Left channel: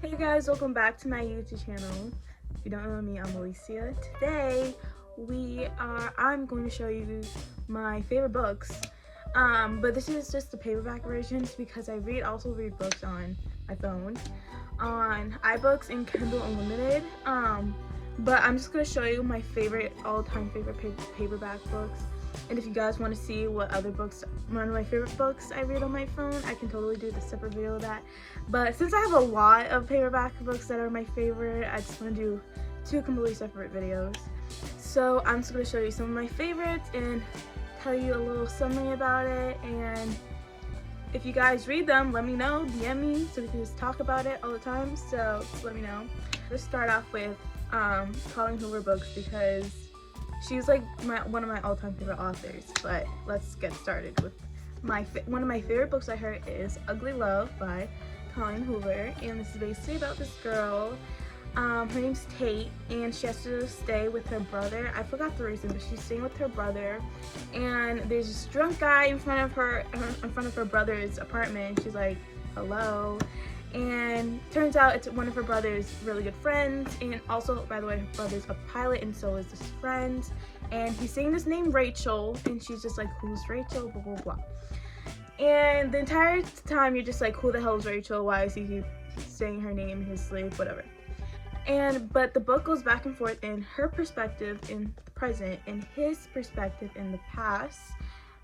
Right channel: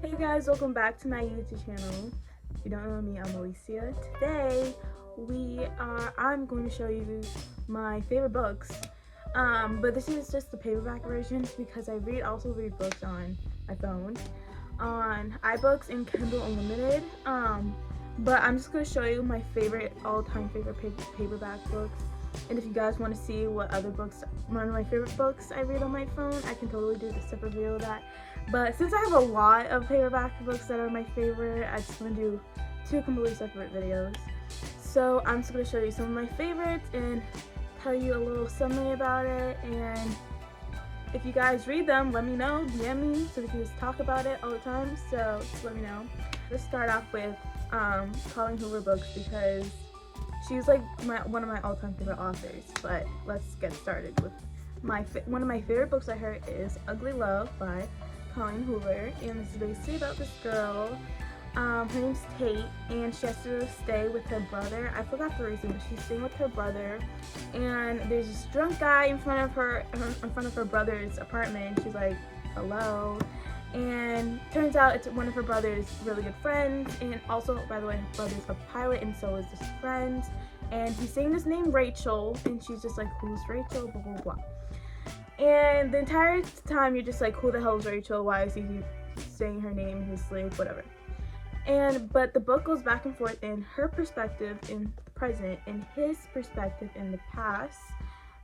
Hey guys, welcome back to my YouTube channel. If you don't know me, I'm Alicia. Today I'm going to show you my favorite books. But this is just the paperback version because I also read books on my phone, on iBooks and Kindle Unlimited. But I'm just going to show you my all-time favorite paperback books. And if you guys want to see what other books, one of my favorite books I read on my phone, I can totally do a separate video of that. But since I have a lot of paperback books that are my favorite, I just want to do two completely separate videos. So I'm just going to show you some of my favorites and tell you a little summary about it. And if you guys read them, let me know, DM me, so we can just talk about it all the time. So just let me know. Let's start off with Colleen Hoover books because she's like one of my all-time favorite authors. But let's get started with one of my favorite books I heard is Ugly Love by Colleen Hoover, and this is basically about this girl. Her name's Tate, and she has to stay with her brother. I forgot the reason, but she's staying with her brother. And there's this drunk guy in front of her brother's apartment. She's like, "Hello." And turns out it's one of her brother's really good friends, and also, by the way, her brother's a pilot, and so is this friend. And he's saying this name Rachel, and she's just like, "Who's Rachel?" Blah blah blah. And the entire time you're just like, "Who the hell is Rachel? Why is he saying her name in his sleep?" Whatever. But the book goes back and forth in her perspective in the present and his perspective in the past,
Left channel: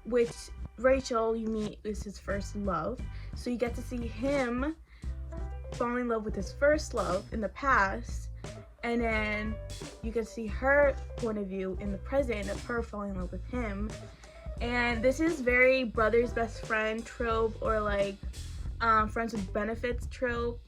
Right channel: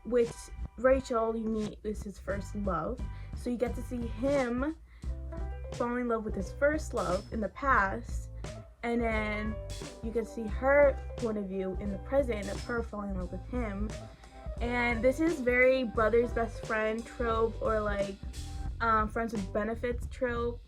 which Rachel you meet is his first love. So you get to see him fall in love with his first love in the past, and then you can see her point of view in the present of her falling in love with him. And this is very brother's best friend trope, or like friends with benefits trope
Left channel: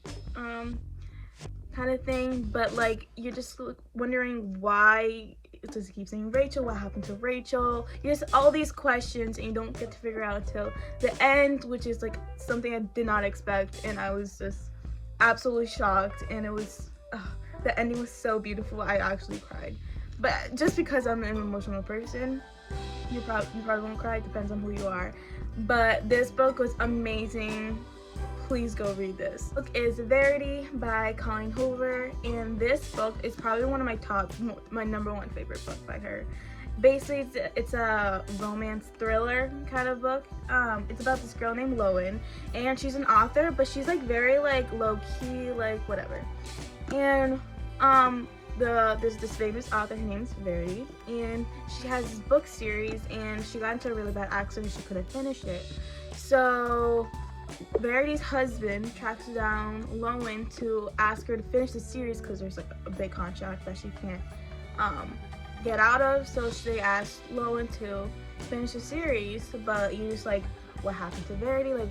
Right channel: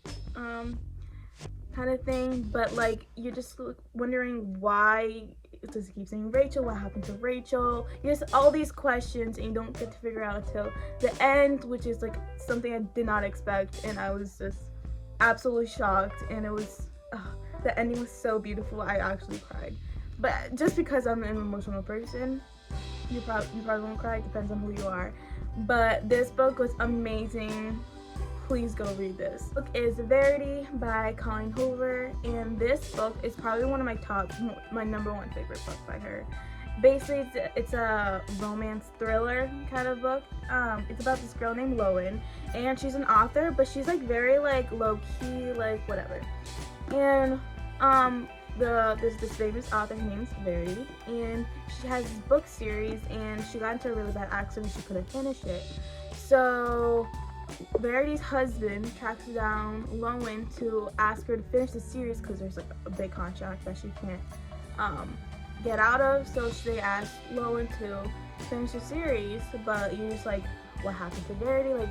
kind of thing. But like you're just wondering why it just keeps saying Rachel, what happened to Rachel. You just all these questions, and you don't get to figure out until the end, which is like something I did not expect, and I was just absolutely shocked. And it was the ending was so beautiful, I actually cried. But just because I'm an emotional person, you probably won't cry. It depends on who you are. But this book was amazing. Please go read this. The book is Verity by Colleen Hoover, and this book is probably one of my number one favorite book by her. Basically, it's a romance thriller kind of book. It's about this girl named Lowen, and she's an author, but she's like very like low key, like whatever. And there's this famous author, her name's Verity, and she has this book series, and she got into a really bad accident, she couldn't finish it. So Verity's husband tracks down Lowen to ask her to finish the series because there's like a big contract that she can't get out of. So they asked Lowen to finish the series, but you're just like, what happened to Verity? Like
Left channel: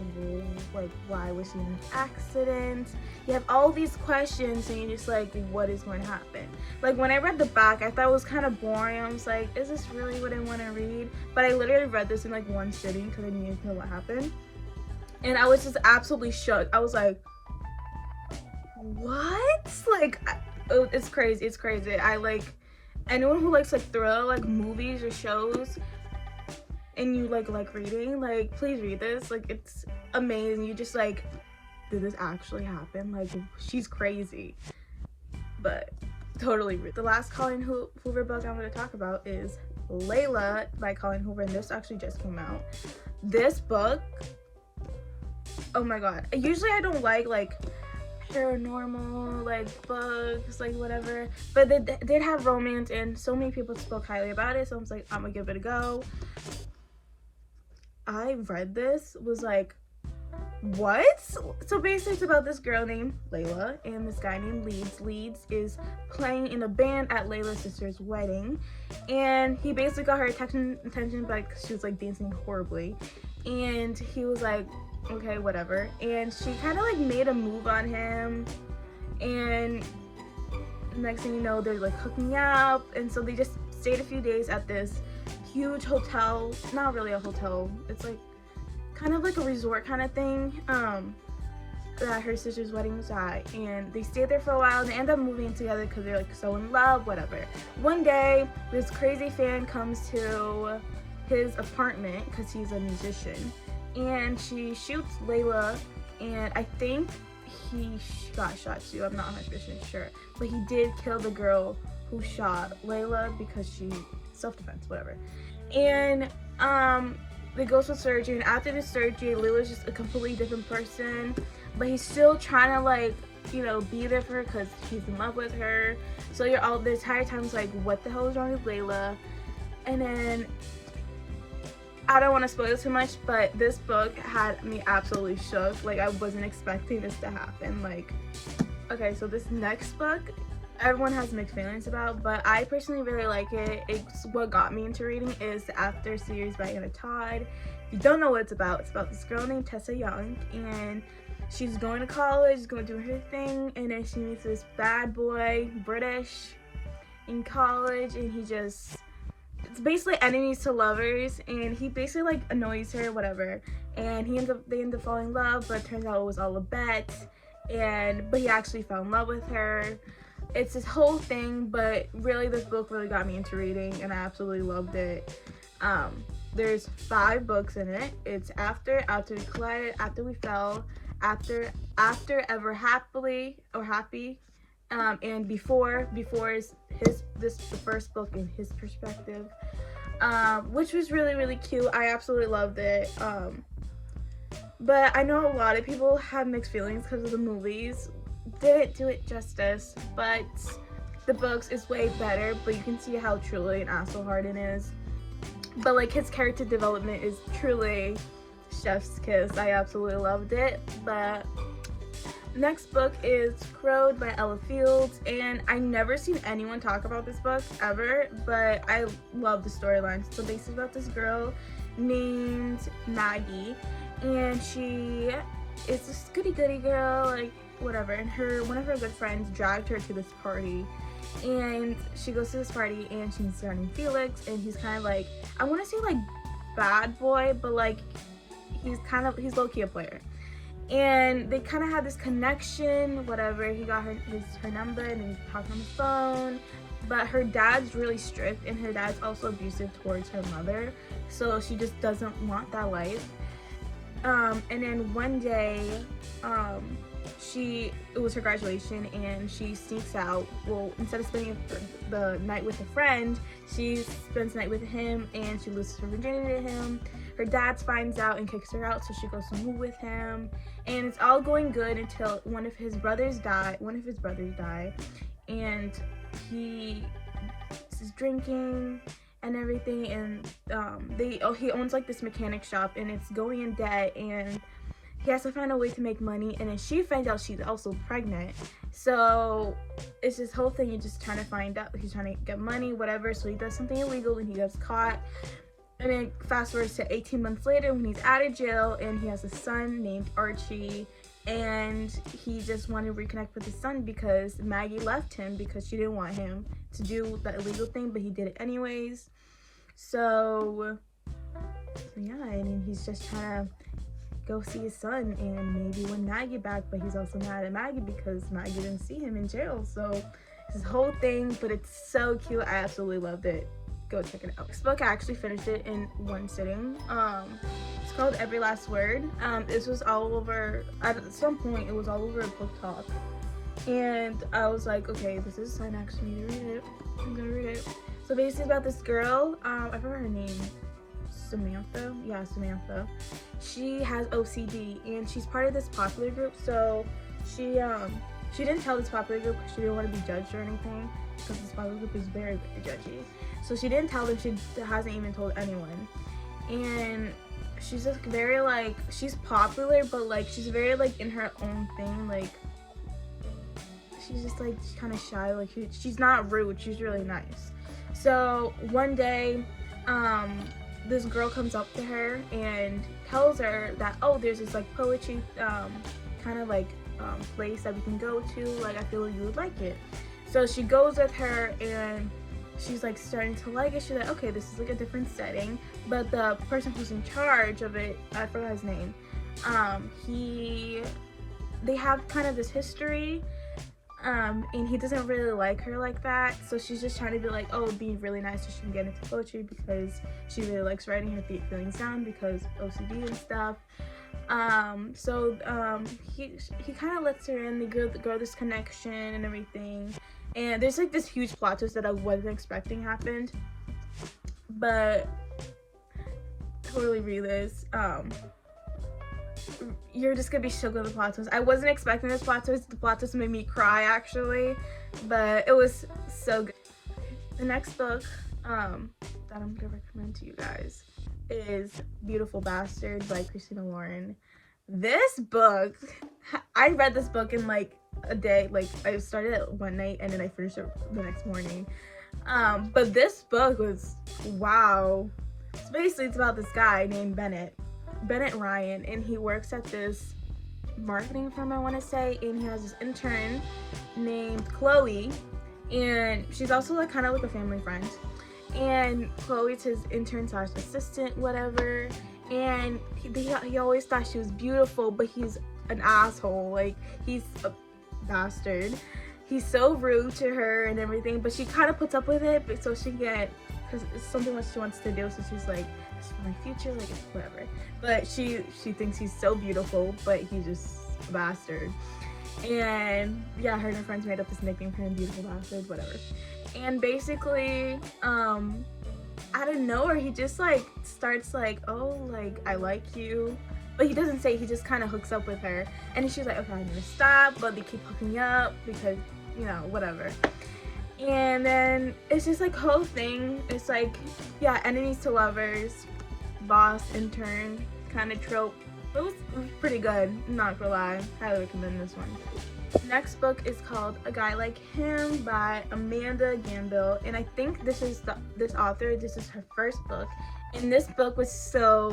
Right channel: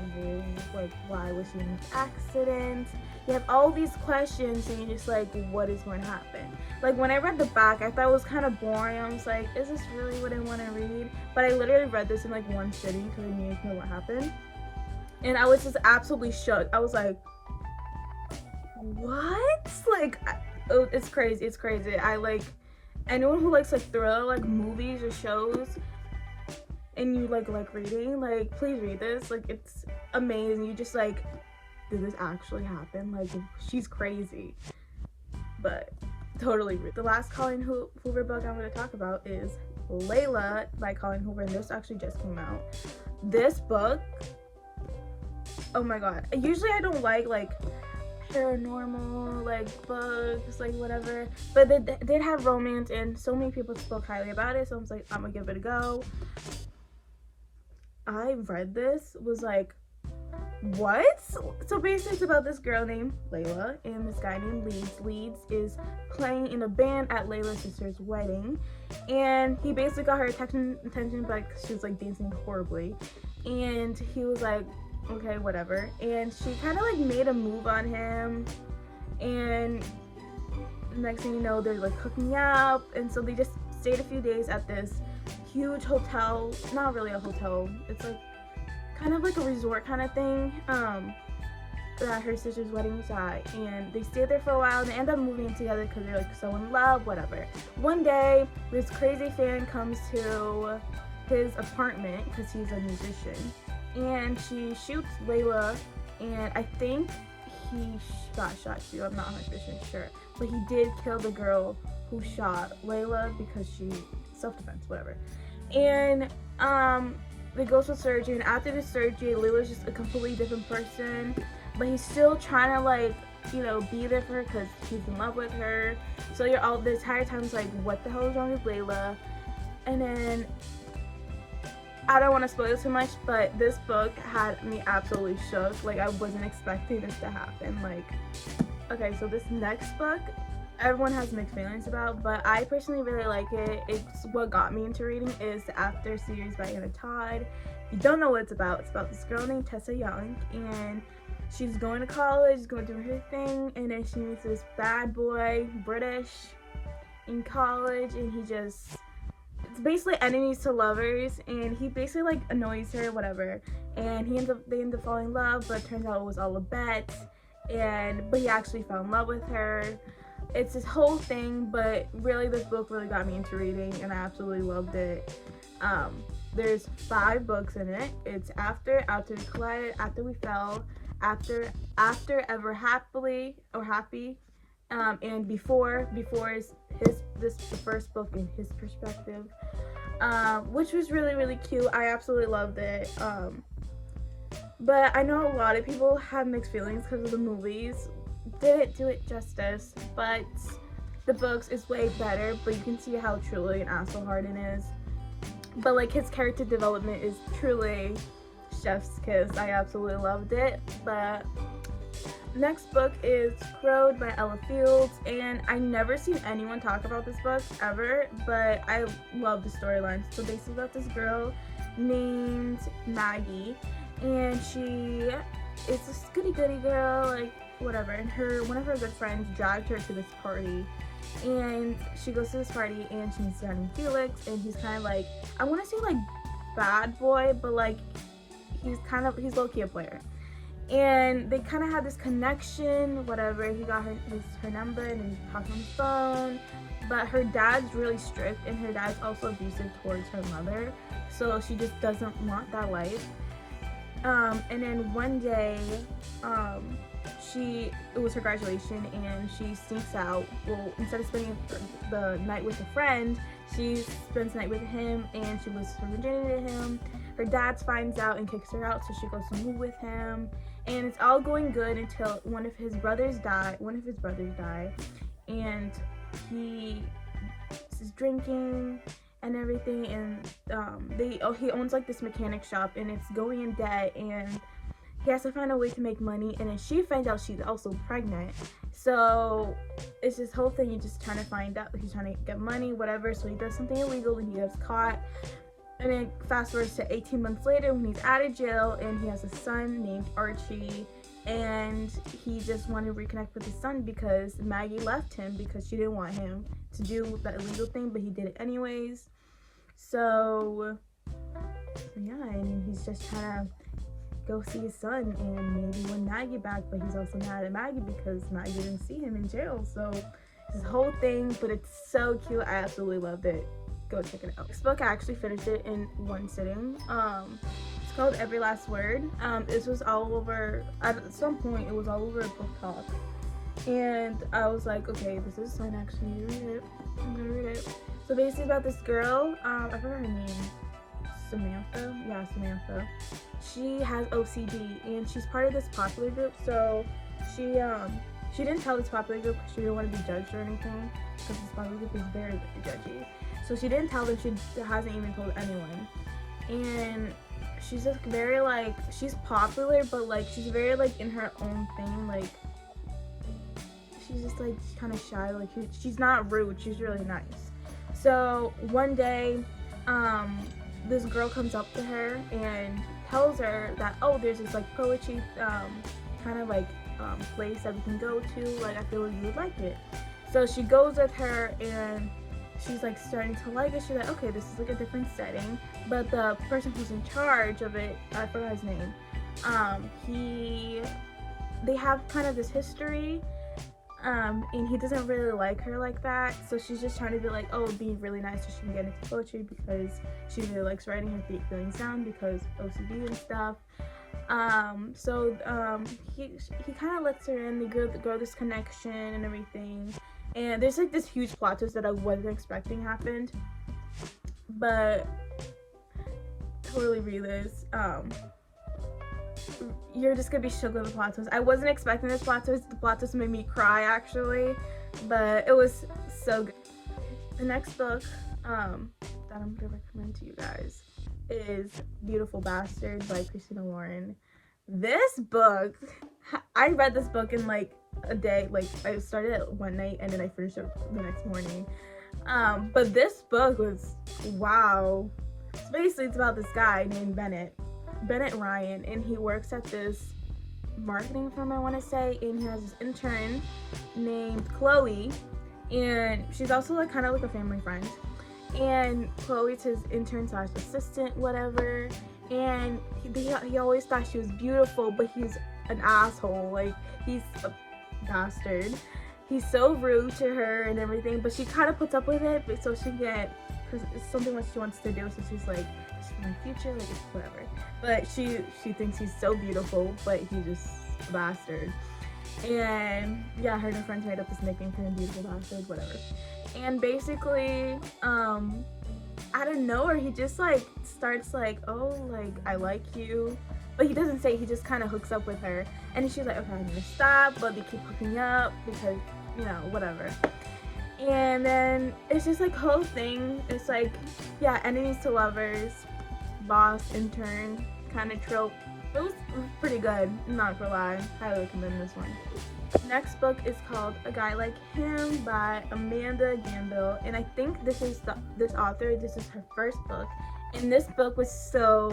why was she in an accident? You have all these questions, and you're just like, what is going to happen? Like when I read the back, I thought it was kind of boring. I was like, is this really what I want to read? But I literally read this in like one sitting because I needed to know what happened. And I was just absolutely shook. I was like, what? Like, it's crazy. It's crazy. I like anyone who likes like thriller, like movies or shows, and you like reading, like please read this. Like it's amazing. You just like, did this actually happen? Like she's crazy. But totally read. The last Colleen Hoover book I'm going to talk about is Layla by Colleen Hoover, and this actually just came out. This book, oh my god. Usually I don't like paranormal like books, like whatever, but they did have romance, and so many people spoke highly about it, so I was like, I'm gonna give it a go. I read this, was like, what? So basically it's about this girl named Layla and this guy named Leeds. Leeds is playing in a band at Layla's sister's wedding, and he basically got her attention, but she was like dancing horribly, and he was like, okay, whatever. And she kind of like made a move on him, and next thing you know, they're like hooking up. And so they just stayed a few days at this huge hotel. Not really a hotel, it's like kind of like a resort kind of thing that her sister's wedding was at. And they stayed there for a while, and they end up moving together because they're like so in love, whatever. One day this crazy fan comes to his apartment because he's a musician, and she shoots Layla, and I think he got shot too. I'm not 100% sure, but he did kill the girl who shot Layla because she self-defense, whatever. And they go to surgery, and after the surgery, Layla's just a completely different person, but he's still trying to, like, you know, be there for her because he's in love with her. So you're all the entire time it's like, what the hell is wrong with Layla? And then I don't want to spoil too much, but this book had me absolutely shook. Like, I wasn't expecting this to happen. Like, okay, so this next book, everyone has mixed feelings about, but I personally really like it. It's what got me into reading is the After series by Anna Todd. If you don't know what it's about this girl named Tessa Young, and she's going to college, going to do her thing, and then she meets this bad boy, British, in college, and it's basically enemies to lovers, and he basically, like, annoys her, whatever, and they end up falling in love, but it turns out it was all a bet, but he actually fell in love with her. It's this whole thing, but really this book really got me into reading, and I absolutely loved it. There's 5 books in it. It's After We Collided, After We Fell, After Ever Happily or Happy, and Before is this first book in his perspective, which was really, really cute. I absolutely loved it. But I know a lot of people have mixed feelings because of the movies. Didn't do it justice, but the books is way better, but you can see how truly an asshole Harden is. But, like, his character development is truly chef's kiss. I absolutely loved it. But next book is Crowed by Ella Fields, and I never seen anyone talk about this book ever, but I love the storyline. So basically about this girl named Maggie, and she is this goody-goody girl, like, whatever, and one of her good friends dragged her to this party, and she goes to this party, and she's surrounding Felix, and he's kind of like, I want to say, like, bad boy, but, like, he's low-key a player, and they kind of have this connection, whatever. He got her number, and he talked on the phone, but her dad's really strict, and her dad's also abusive towards her mother, so she just doesn't want that life. And then one day, it was her graduation, and she sneaks out. Well, instead of spending the night with a friend, she spends the night with him, and she loses her virginity to him. Her dad finds out and kicks her out, so she goes to move with him, and it's all going good until one of his brothers die, and he is drinking and everything, and he owns, like, this mechanic shop, and it's going in debt, and he has to find a way to make money, and then she finds out she's also pregnant. So it's this whole thing. You're just trying to find out. He's trying to get money, whatever. So he does something illegal, and he gets caught. And then fast forward to 18 months later when he's out of jail, and he has a son named Archie, and he just wanted to reconnect with his son because Maggie left him because she didn't want him to do that illegal thing, but he did it anyways. So yeah, and he's just trying to go see his son and maybe win Maggie back, but he's also mad at Maggie because Maggie didn't see him in jail. So this whole thing, but it's so cute. I absolutely loved it. Go check it out. This book, I actually finished it in one sitting. It's called Every Last Word. This was all over, at some point, it was all over Book Talk. And I was like, okay, this is fun, actually need to read it. I'm gonna read it. So basically about this girl, I forgot her name. Samantha? Yeah, Samantha. She has OCD, and she's part of this popular group, so she didn't tell this popular group because she didn't want to be judged or anything, because this popular group is very, very judgy. So she didn't tell them. She hasn't even told anyone. And she's just very, like, she's popular, but, like, she's very, like, in her own thing. Like, she's just, like, kind of shy. Like, she's not rude. She's really nice. So one day, this girl comes up to her and tells her that, oh, there's this, like, poetry kind of, like, place that we can go to. Like, I feel like you would like it. So she goes with her, and she's, like, starting to like it. She's like, okay, this is, like, a different setting. But the person who's in charge of it, I forgot his name, they have kind of this history, And he doesn't really like her like that, so she's just trying to be like, oh, be really nice so she can get into poetry because she really likes writing her feelings down because OCD and stuff. He kind of lets her in, they grow this connection and everything, and there's like this huge plot twist that I wasn't expecting happened, but totally read this. You're just gonna be shook with the plot twist. I wasn't expecting this plot twist. The plot twist made me cry actually, but it was so good. The next book that I'm gonna recommend to you guys is Beautiful Bastard by Christina Lauren. This book, I read this book in like a day. Like I started it one night and then I finished it the next morning. But this book was wow. So basically it's about this guy named Bennett Ryan, and he works at this marketing firm, I want to say, and he has this intern named Chloe, and she's also like kind of like a family friend, and Chloe's his intern slash assistant, whatever, and he always thought she was beautiful, but he's an asshole. Like, he's a bastard. He's so rude to her and everything, but she kind of puts up with it, but so she can get, because it's something that she wants to do, so she's like, it's for my future, like, whatever. But she thinks he's so beautiful, but he's just a bastard. And yeah, her and her friends made up this nickname for him, Beautiful Bastard, whatever. And basically, out of nowhere, he just like starts like, oh, like, I like you. But he doesn't say, he just kind of hooks up with her. And she's like, okay, I need to stop, but they keep hooking up because, you know, whatever. And then it's just like whole thing. It's like, yeah, enemies to lovers, boss, intern, kind of trope. It was pretty good, I'm not gonna lie. Highly recommend this one. Next book is called A Guy Like Him by Amanda Gambill, and I think this is this is her first book, and this book was so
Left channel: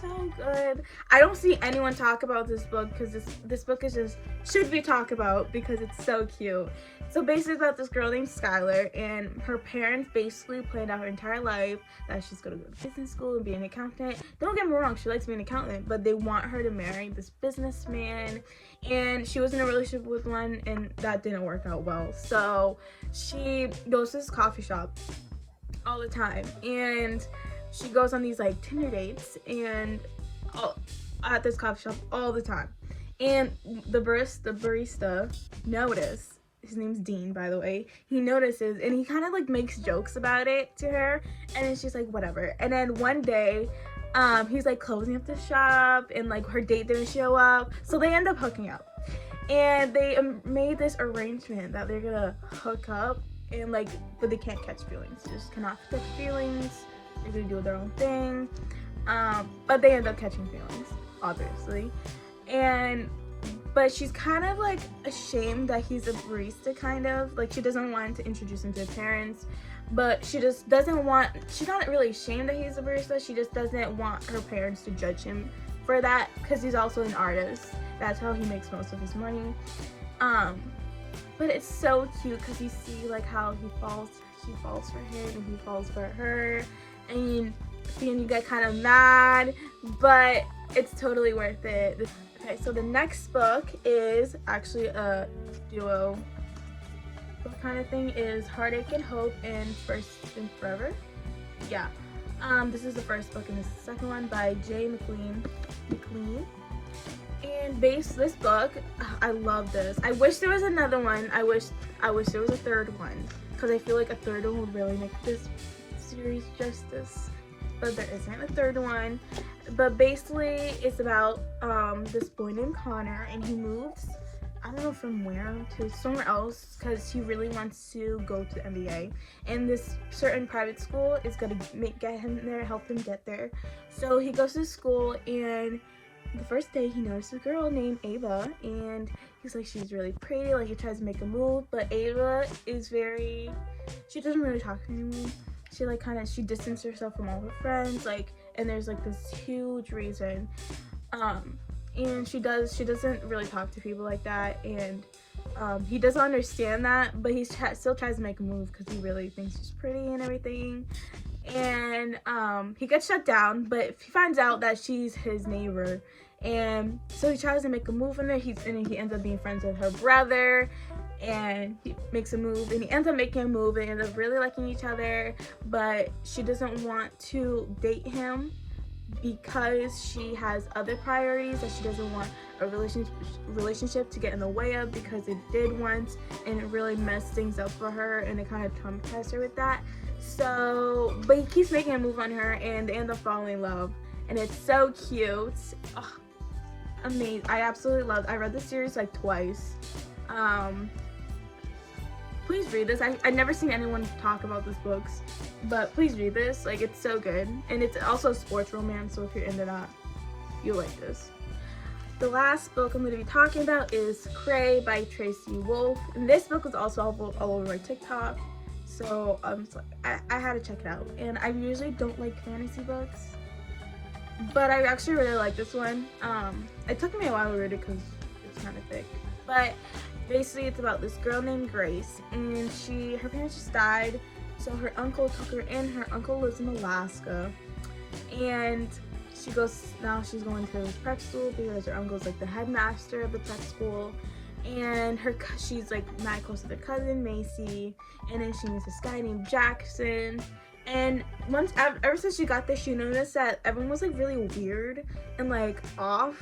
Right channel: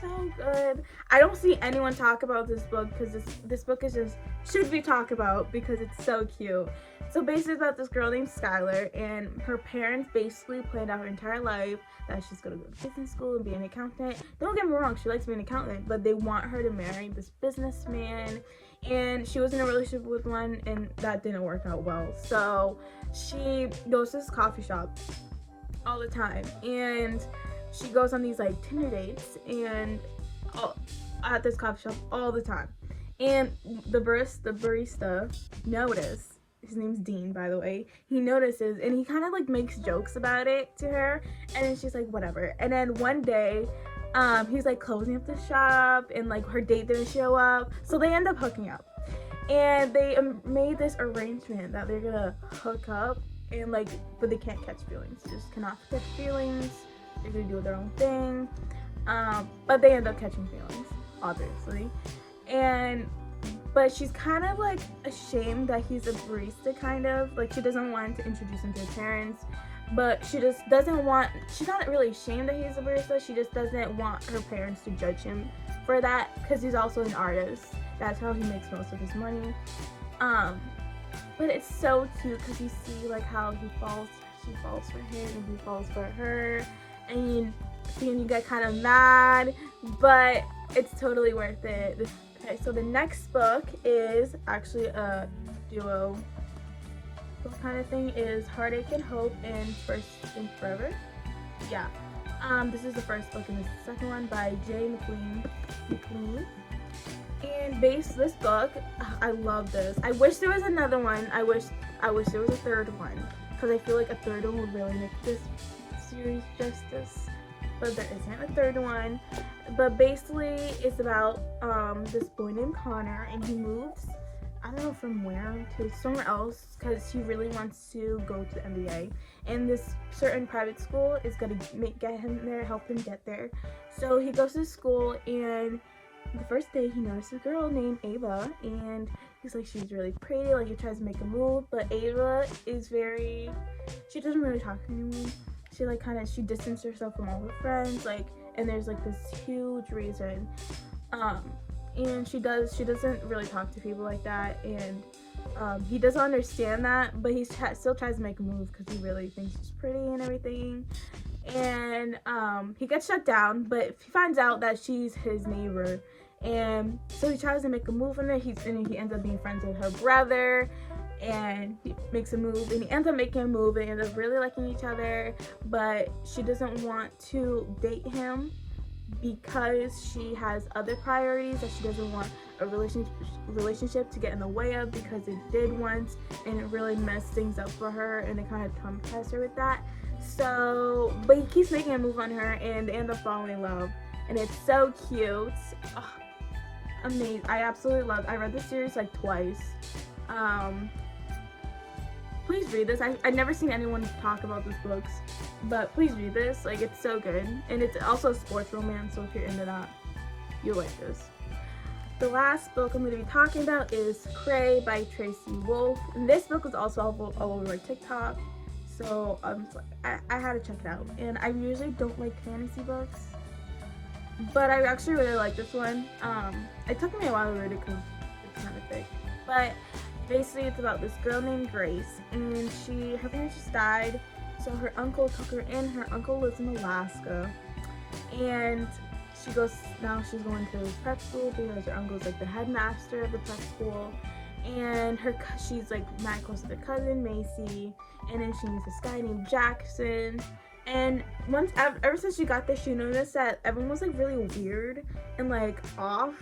good. I don't see anyone talk about this book because this book is just should be talked about because it's so cute. So basically it's about this girl named Skylar, and her parents basically planned out her entire life that she's gonna go to business school and be an accountant. Don't get me wrong, she likes being an accountant, but they want her to marry this businessman, and she was in a relationship with one and that didn't work out well. So she goes to this coffee shop all the time, and she goes on these like Tinder dates and at this coffee shop all the time. And the barista noticed, his name's Dean, by the way, he notices and he kind of like makes jokes about it to her, and then she's like, whatever. And then one day he's like closing up the shop and like her date didn't show up, so they end up hooking up, and they made this arrangement that they're gonna hook up and like, but they can't catch feelings. They just cannot catch feelings. They're gonna do their own thing, but they end up catching feelings, obviously. But she's kind of like ashamed that he's a barista, kind of like she doesn't want to introduce him to her parents, but she just doesn't want, she's not really ashamed that he's a barista, she just doesn't want her parents to judge him for that because he's also an artist. That's how he makes most of his money. But it's so cute because you see like how she falls for him and he falls for her, and you get kind of mad, but it's totally worth it. Okay, so the next book is actually a duo kind of thing, is Heartache and Hope and First and Forever. Yeah. This is the first book, and this is the second one by Jay McLean. And this book, I love this. I wish there was another one. I wish there was a third one, because I feel like a third one would really make this series justice. But there isn't a third one. But basically it's about this boy named Connor, and he moves, I don't know from where, to somewhere else because he really wants to go to the MBA, and this certain private school is gonna get him there, help him get there. So he goes to school, and the first day he notices a girl named Ava, and he's like, she's really pretty, like he tries to make a move, but Ava is she doesn't really talk to anyone. She distanced herself from all her friends, like, and there's like this huge reason. And she doesn't really talk to people like that, and he doesn't understand that, but he still tries to make a move because he really thinks she's pretty and everything. And he gets shut down, but he finds out that she's his neighbor, and so he tries to make a move on her. He ends up being friends with her brother, and he makes a move, and he ends up making a move, and ends up really liking each other, but she doesn't want to date him because she has other priorities that she doesn't want a relationship to get in the way of, because it did once and it really messed things up for her, and it kind of traumatized her with that. So, but he keeps making a move on her, and they end up falling in love, and it's so cute. Oh, amazing. I absolutely love it. I read the series like twice. Please read this. I've never seen anyone talk about this books, but please read this. Like, it's so good, and it's also sports romance, so if you're into that, you'll like this. The last book I'm going to be talking about is Cray by Tracy Wolf, and this book is also all over TikTok, so I had to check it out. And I usually don't like fantasy books, but I actually really like this one. It took me a while to read it because it's kind of thick, but basically it's about this girl named Grace, and her parents just died, so her uncle took her in. Her uncle lives in Alaska, and she's going to prep school because her uncle's like the headmaster of the prep school, and she's like mad close to their cousin Macy, and then she meets this guy named Jackson. And ever since she got there, she noticed that everyone was like really weird and like off.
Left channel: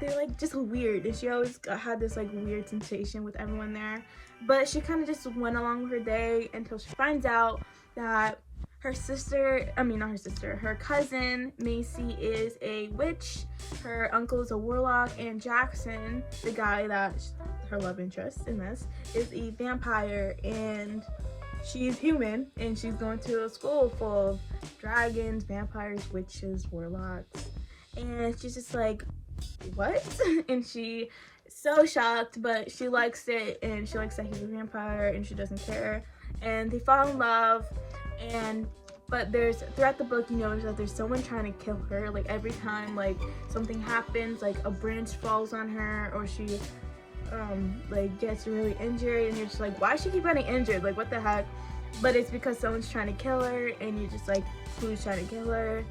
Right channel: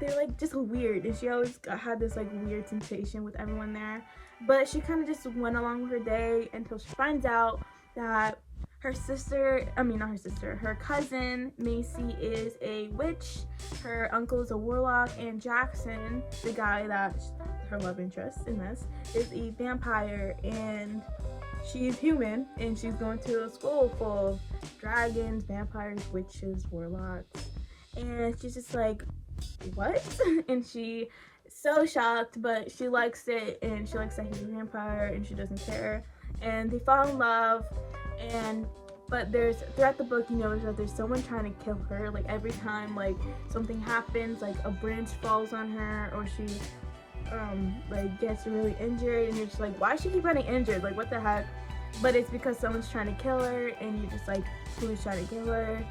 They're like just weird, and she always had this like weird sensation with everyone there. But she kind of just went along her day until she finds out that her cousin Macy is a witch, her uncle is a warlock, and Jackson, the guy that her love interest in this, is a vampire, and she's human, and she's going to a school full of dragons, vampires, witches, warlocks, and she's just like, what? And she's so shocked, but she likes it, and she likes that he's a vampire, and she doesn't care, and they fall in love. But throughout the book, you notice that there's someone trying to kill her. Like, every time like something happens, like a branch falls on her, or she like gets really injured, and you're just like, why does she keep getting injured? Like, what the heck? But it's because someone's trying to kill her, and you're just like, who's trying to kill her?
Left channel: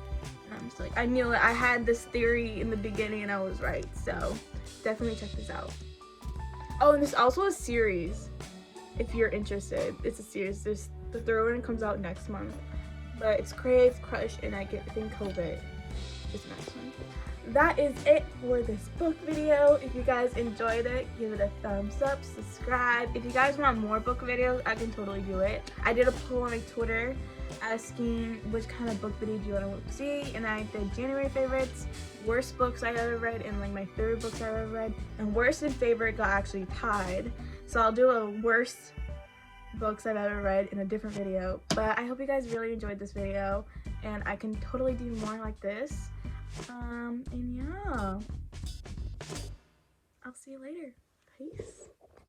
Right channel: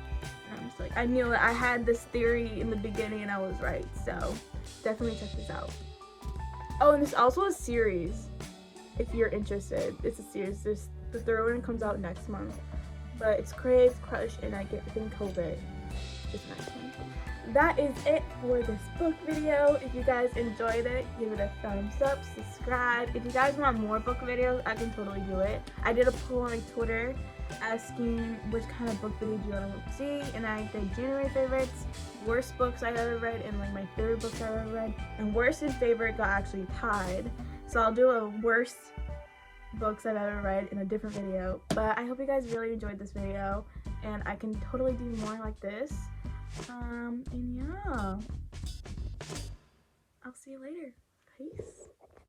And I'm just like, I knew it. I had this theory in the beginning, and I was right. So definitely check this out. Oh, and there's also a series if you're interested. It's a series. The third one comes out next month, but it's Crave, Crush, and I Think COVID is the next one. That is it for this book video. If you guys enjoyed it, give it a thumbs up, subscribe. If you guys want more book videos, I can totally do it. I did a poll on my Twitter asking which kind of book video do you want to see, and I did January favorites, worst books I've ever read, and like my favorite books I've ever read, and worst and favorite got actually tied. So I'll do a worst books I've ever read in a different video. But I hope you guys really enjoyed this video, and I can totally do more like this. And yeah, I'll see you later. Peace.